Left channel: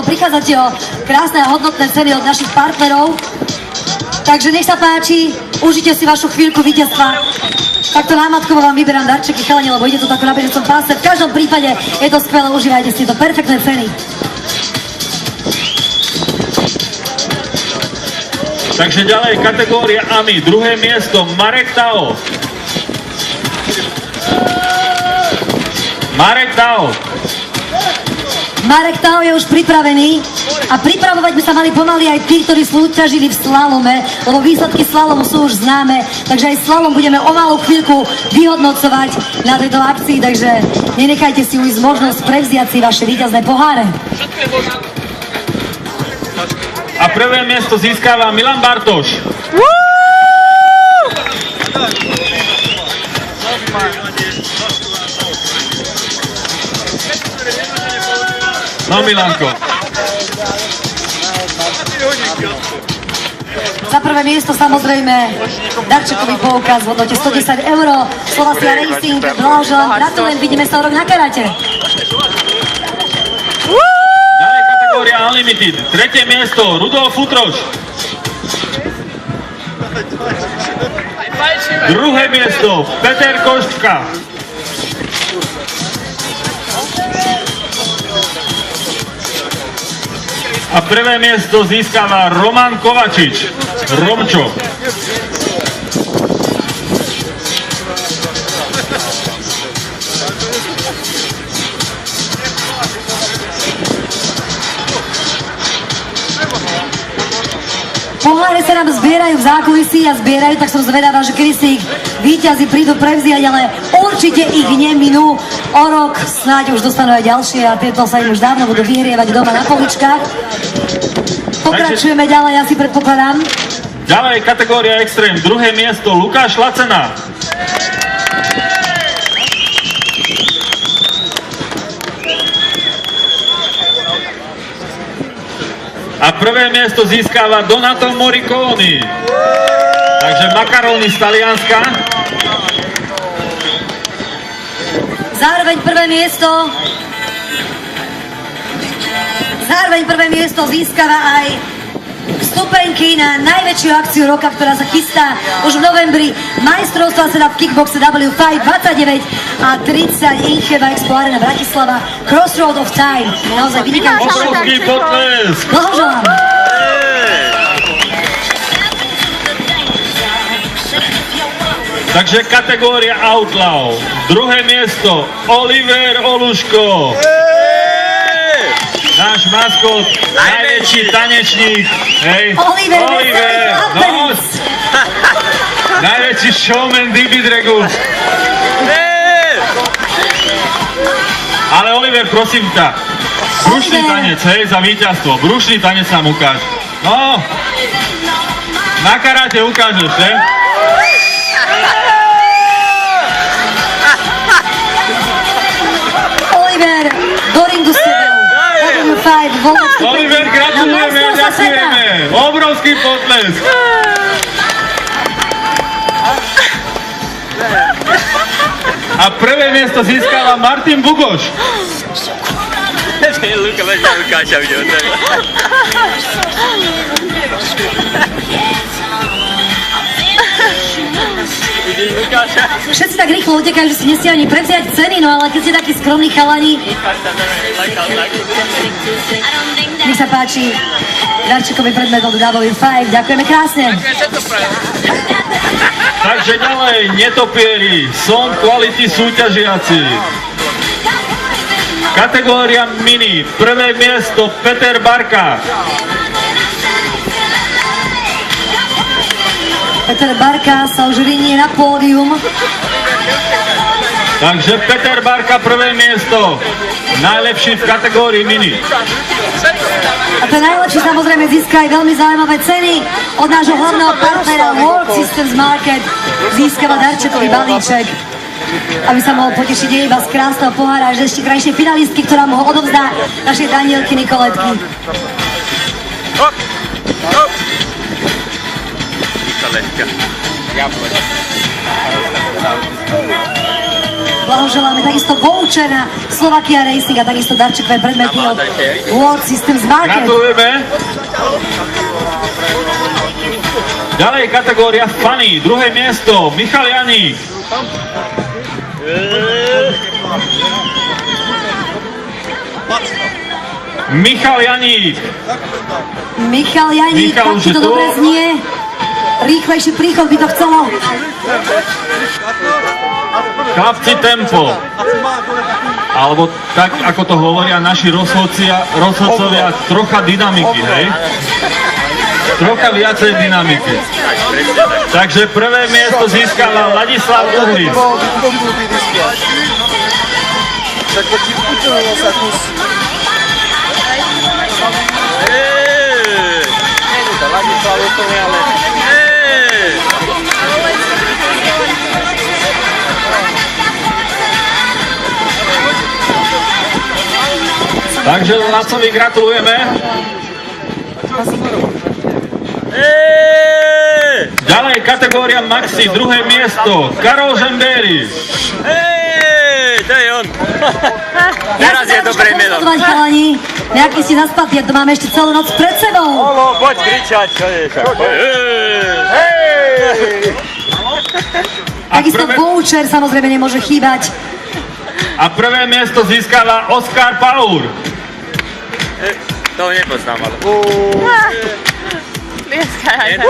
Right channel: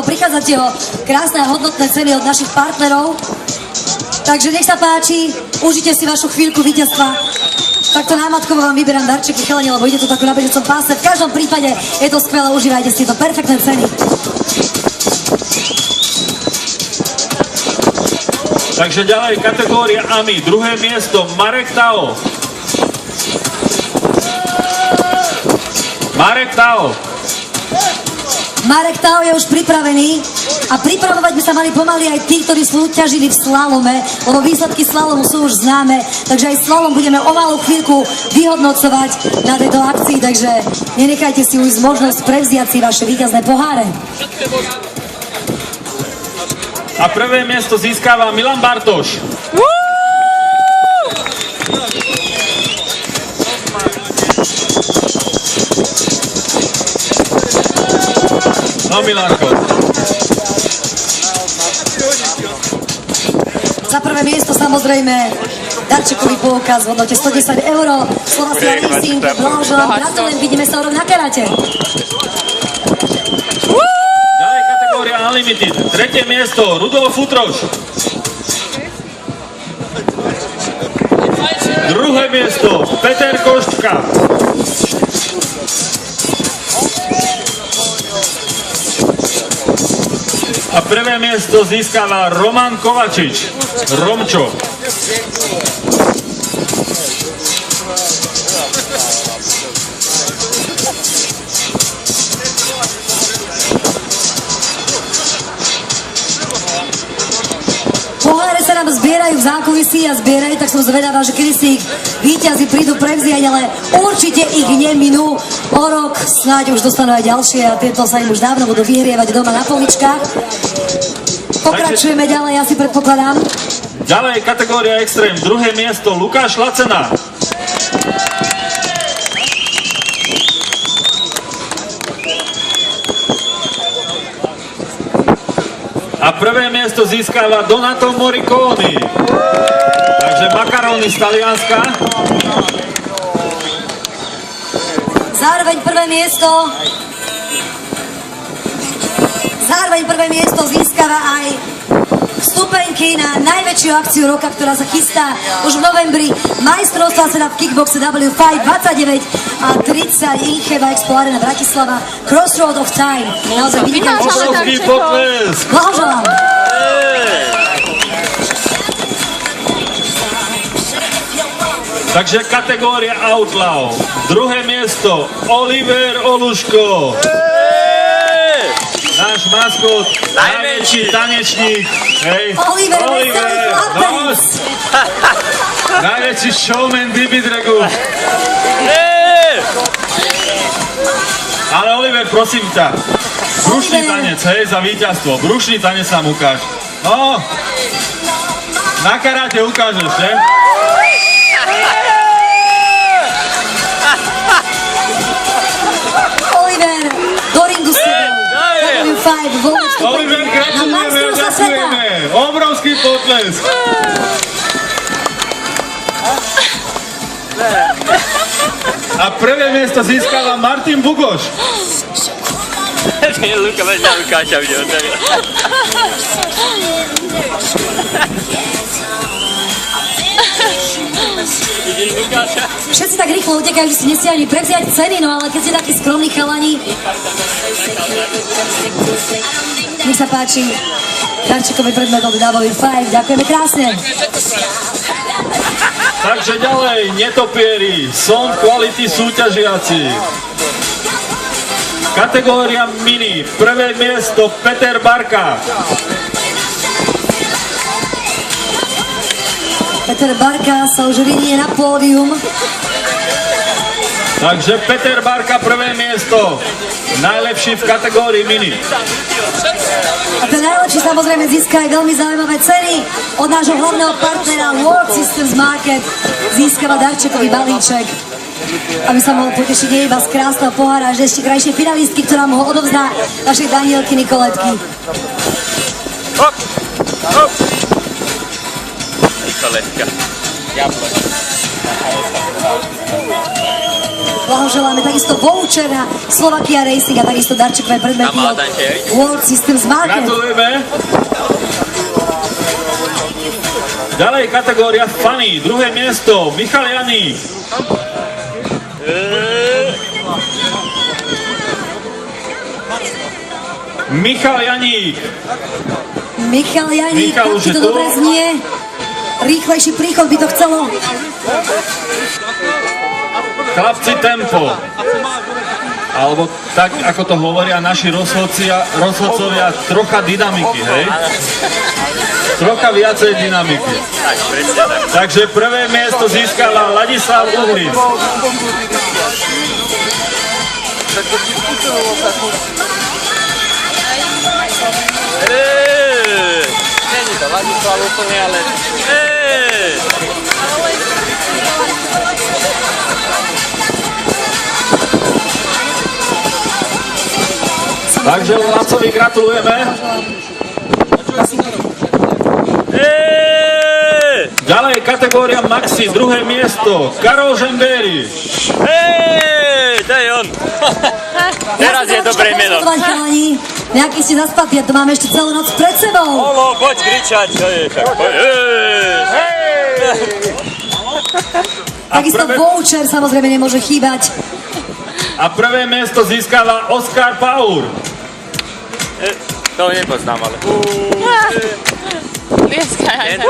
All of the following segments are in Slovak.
Prichádzate o krásne a hodnotné ceny od našich partnerov. Takže nech sa páči, užite si vašu chvíľku víťazstva. Takto námatkovo vám vyberám darčeky, chalani, lebo ide to takto na bežecom páse. V každom prípade je to skvelé, užívajte si to, perfektné ceny. Takže ďalej kategória AMI, druhé miesto Marek Tao. Marek Tao. Marek Tao je už pripravený a pripravovať by sa mali pomaly aj tí, ktorí súťažili v slalome, lebo výsledky slalomu sú už známe, takže aj slalom budeme o malú chvíľku vyhodnocovať na tejto akcii, takže nenechajte si ujsť možnosť prevziať si vaše víťazné poháre. A prvé miesto získava Milan Bartoš. No Milanko. Za prvé miesto samozrejme darčekový poukaz v hodnote 110 €. Slovacia Racing, blahoželám, gratulujem, vidíme sa o rok na karate. Ďalej kategória Unlimited, tretie miesto Rudolf Futroš. Druhé miesto Peter Koščka. A prvé miesto získava Roman Kovačič, Romčo. Poháre sa nám zbierajú v zákulisí a zbierajú, tak som zvedavá, že kedy si ich víťazi prídu prevziať, ale určite ich neminú. O rok snáď už dostanú aj ďalšie a tieto sa im už dávno budú vyhrievať doma na poličkách. Pokračujeme ďalej, ja si predpokladám. Ďalej kategória Extreme, druhé miesto Lukáš Lacena. A prvé miesto získava Donato Morriconi. Takže makaróny z Talianska. Zároveň prvé miesto získava aj vstupenky na najväčšiu akciu roka, ktorá sa chystá už v novembri. Majstrovstvá sveta v kickboxe W5 29 a 30 Incheba Expo Arena Bratislava. Crossroad of Time. Naozaj vynikajúci. Obrovský potlesk. Blahoželám. Takže kategória Outlaw. Druhé miesto Oliver Oluško. Náš maskot, najväčší tanečník. Hej. Oliver. No, najväčší showman Dibidragu. Ale Oliver, prosím ťa, brušný tanec, hej, za víťazstvo. Brušný tanec nám ukáž. No, na karate ukážeš, hej? Oliver, do ringu s tebou. Oliver, gratulujeme a ďakujeme. Obrovský potlesk. A prvé miesto získava Martin Bugoš. Všetci tak rýchlo utekajú, že si nesie ani prevziať ceny, no ale keď ste takí skromní chalani, nech sa páči, darčekový predmet od W5, ďakujeme krásne. Takže ďalej, netopieri, Sound Quality súťažiaci. Kategória Mini, prvé miesto Peter Barka. Peter Barka sa už vynie na pódium. Takže Peter Barka, prvé miesto, najlepší v kategórii Mini. A ten najlepší samozrejme získa aj veľmi zaujímavé ceny od nášho hlavného partnera World Systems Market. Získava darčekový balíček, aby sa mohol potešiť nie iba z krásneho pohára, že ešte krajšie finalistky, ktorá mu ho odovzdá, našej Danielky Nikoletky. Blahoželáme takisto voucher na Slovakia Racing a takisto darčekové predmety od World Systems Market. Gratulujeme. Ďalej kategória Funny, druhé miesto, Michal Janík. Michal Janík. Michal Janík, Michal, tak už ti je to tu? dobre znie. Rýchlejší príchod by to chcelo. Chlapci, tempo. Alebo tak, ako to hovoria naši rozhodcovia, trocha dynamiky, hej? Trocha viacej dynamiky. Takže prvé miesto získava Ladislav Uhric. To Ladislav úplne, ale... Takže Lacovi gratulujeme. Ďalej kategória Maxi, druhé miesto, Karol Žembéry. To je on. Teraz je dobré meno. Chalani, nejaký ste zaspatí, to máme ešte celú noc pred sebou. Olo, poď kričať, čo je však. Takisto voucher samozrejme nemôže chýbať. A prvé miesto získava Oskar Paur. To nepoznám, ale... Dneska aj tak.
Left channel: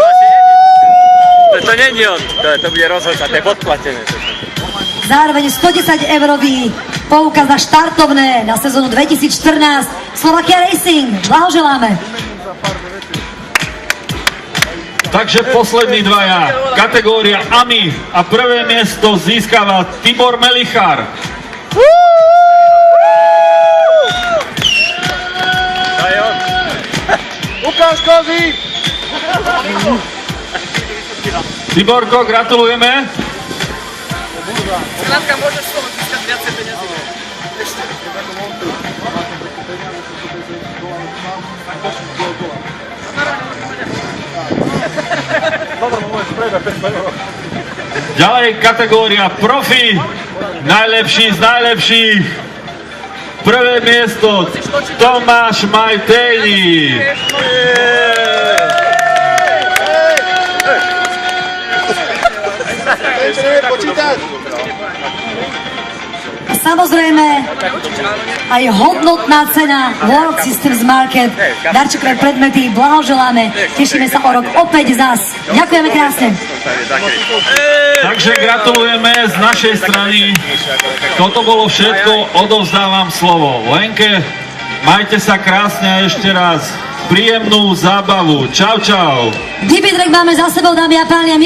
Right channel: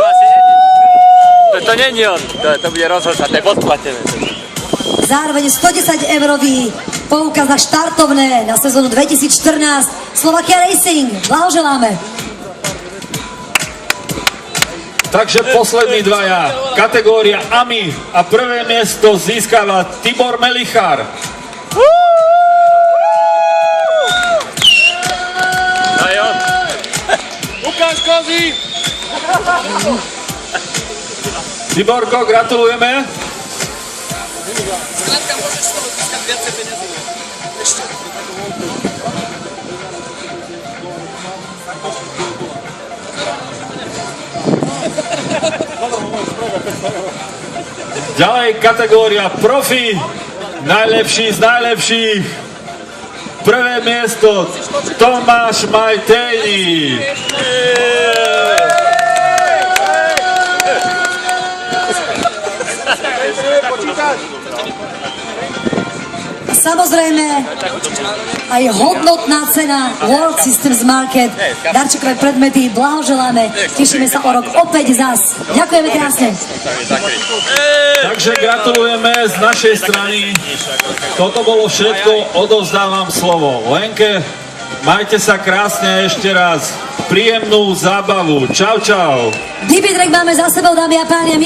To není on, to bude rozhodca, to je podplatené. Zároveň 110-eurový poukaz na štartovné na sezónu 2014 Slovakia Racing. Blahoželáme. Takže poslední dvaja, kategória AMI a prvé miesto získava Tibor Melichar. No je on. Ukáž kozy! Tiborko, gratulujeme. Skrátka, môžeš z toho získať viacej peniazy. Ešte. Ďalej kategória Profi, najlepší z najlepších. Prvé miesto Tomáš Majtejni. A samozrejme aj hodnotná cena World Systems Market. Darčekové predmety, blahoželáme. Tešíme sa o rok opäť zas. Ďakujeme krásne. Takže gratulujeme z našej strany. Toto bolo všetko, odovzdávam slovo Lenke. Majte sa krásne a ešte raz príjemnú zábavu. Čau, čau. Dibitrek máme za sebou, dámy a páni. A my